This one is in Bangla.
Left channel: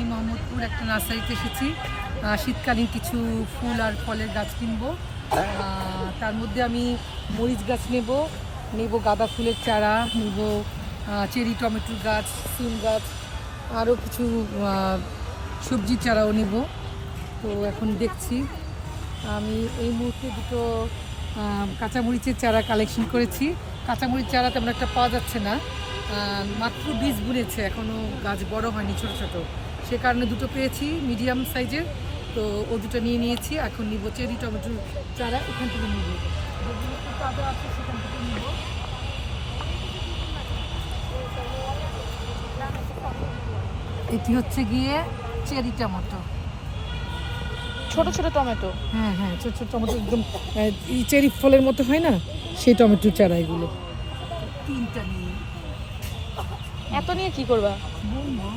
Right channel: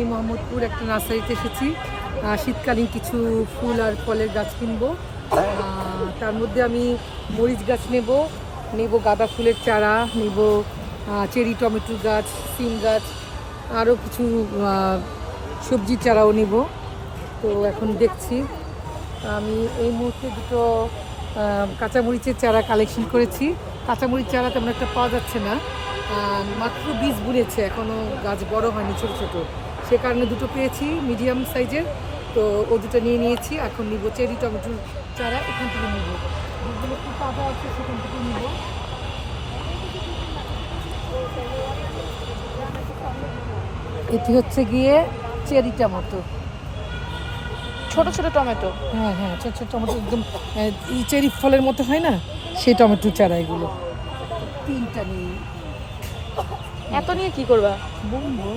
মিনি মোহাম্মদপুর একটা নার্সারিতে এসেছি। শীতকালীন কিছু ফুল আর ফলের গাছ কিনবো। তার মধ্যে আমি মরিচ গাছ নেব গাঁদা ফুলের চারা নেব, চেরি টমেটোর গাছ, সিম গাছ, আরও কিছু সবজির চারাও নেব। তো এখন দেখছি। আমি এই মুহূর্তে দুটো কাঁচামরিচের চারা কালেকশন করেছি। কাঁচামরিচ চারা তেমন একটা পাওয়া যাচ্ছে না, মাত্র বীজ বুনেছে, এখনও গাছ বড় হয়নি, ছোট ছোট, সে কারণে দুটো পেয়েছি মিডিয়াম সাইজের। তো ও দুটো নিয়েছি। এখন নিব চেরি টমেটোর চারা, এখান থেকে নিব, যেগুলো একটু তাজা আছে সেখান থেকে নিব। এটি হচ্ছে গিয়ে চেরি টমেটো, ছোট ছোট টমেটো। হ্যাঁ হ্যাঁ, ছোট ছোট টমেটো, একদম এই চেরি ফলের মতো হয় না, সেই টমেটোর চারা এগুলো। তিনটা নিই। এত নিয়ে কি করবা? বুনবো,